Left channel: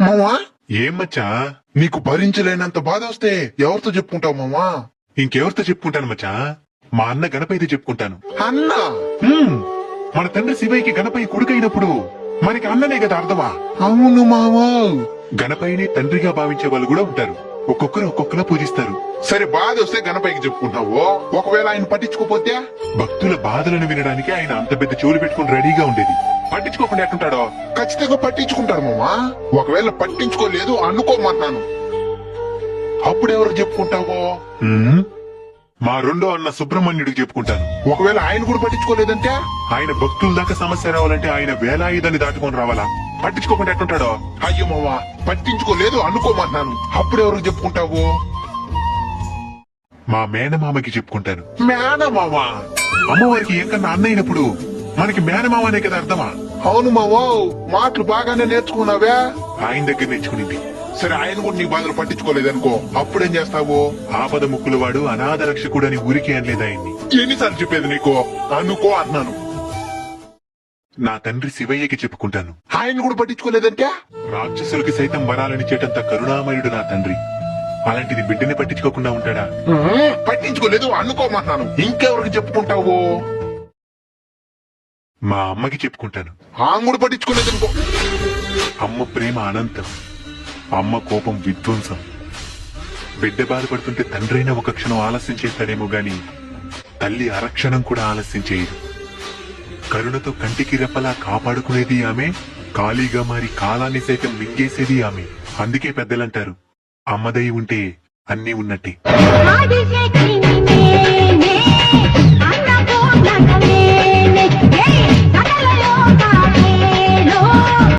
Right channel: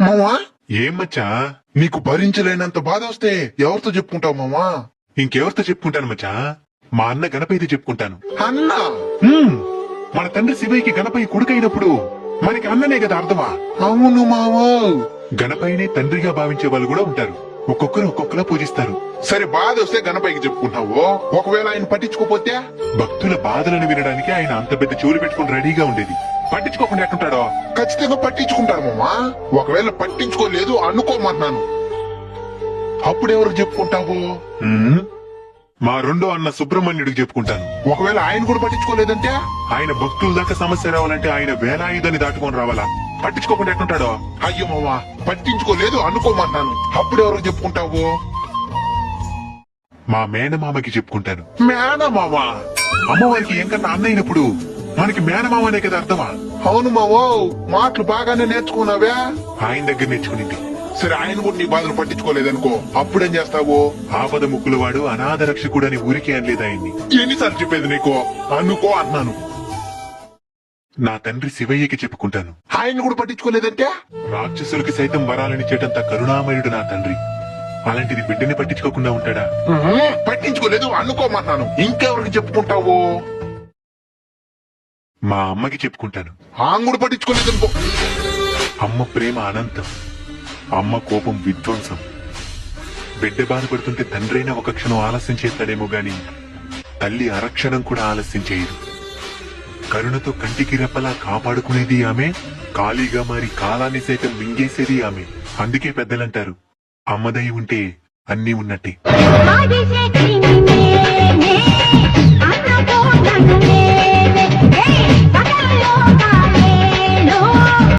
మామా ఏం మచ్చా? నీకు భరించలేనంత బాధ వస్తే ఎవరితో చెప్పుకుంటావు మామా? ఇంకెవరితో చెప్పుకుంటాను మచ్చా? మా అన్న గణపయ్యతో చెప్పుకుంటాను. అన్న మన తండ్రి శివయ్యకి గణపయ్య కొడుకైనప్పుడు మనకి అన్ననే కదా అర్థమా? అవును మామా. గణపయ్యని తండ్రిగా భావించే వాళ్ళు కూడా ఉంటారు. ఒక్కొక్కరు ఒక్కొక్కలా పూజిస్తారు. సరే బాధ వస్తే గణపైకి చెప్పుకుంటావు, ఒకవేళ ఆయన పట్టించుకోపోతే? భక్తుల బాధలను వినడానికి ఆయన అంత పెద్ద చెవులు పెట్టుకుని రెడీగా ఉండేది. పట్టించుకోకుండా ఎట్టుంటాడో? ఖచ్చితంగా పట్టించుకుంటారు మామా. ఒకవేళ పట్టించుకోలేదు అనుకోమన్నాను, అప్పుడు ఎవరికి చెప్పుకుంటావు? మా రెండో అన్న సుబ్రహ్మణ్యుడికి చెప్పుకుంటాను. ఒకవేళ ఆయన కూడా పట్టించుకోలేదంటే? ఆయన భక్తుల దాకా సమస్య రావాలంటే ఆయన వేలాయుధాన్ని దాటుకొని రావాలా? పట్టించుకోకుండా ఎట్టుంటాడో? అయ్యో మామా, పట్టించుకోలేదు అనుకోమన్నాను, అప్పుడు ఎవరికి చెప్పుకుంటావు? మా మేనమామకి చెప్పుకుంటాను. మేనమామా? అమ్మవారికి ఎంకన్నా అన్నైనప్పుడు మనకి మేనమామనే కదా అర్థమా? అవును మామా, మాటలు బాగానే నేర్చుకున్నావే. ఆయన దగ్గర నేర్చుకునింది. సరే ఆయన కూడా నీ బాధలు పట్టించుకోలేదనుకో, అప్పుడేం చేస్తావు? ఆపద ముక్కుల వాడు అనాథ రక్షకుడని ఊరికే అనలేదు ఆయన్ని. ఎన్నిసార్లు చెప్పేది నీకు? అనుకో అన్నాను. నా తండ్రి శివయ్యకి చెప్పుకుంటాను. ఆయన కూడా పట్టించుకోలేదంటే? రాక్షసులకి సైతం వరాలనిచ్చేటంత కరుణామయుడు నా తండ్రి. అలాంటిది బిడ్డని పట్టించుకోకుండా ఉంటాడా? పట్టించుకోలేదు అనుకోమన్నాను, ఇంకెవరికి చెప్పుకుంటావు? మా అమ్మకి చెప్పుకుంటాను. ఆమె కూడా పట్టించుకోలేదనుకో. అమ్మ ప్రేమ అనంతం, అమ్మ కోపం విధ్వంసం. బిడ్డ బాధపడుతుంటే తండ్రైనా ఒక క్షణం ఆలస్యం చేస్తాడేమో గాని తల్లి అరక్షణం కూడా ఆలస్యం చేయదు. కరుణతో కంటికి రెప్పలా కాపాడుకునేది ఆమె, ఖాళీగా మారి కాలాన్ని సైతం మింగేసేది ఆమె. అందుకే పెద్దలంటారు, అమ్మదై ఉంటే అన్నీ ఉన్నట్టే.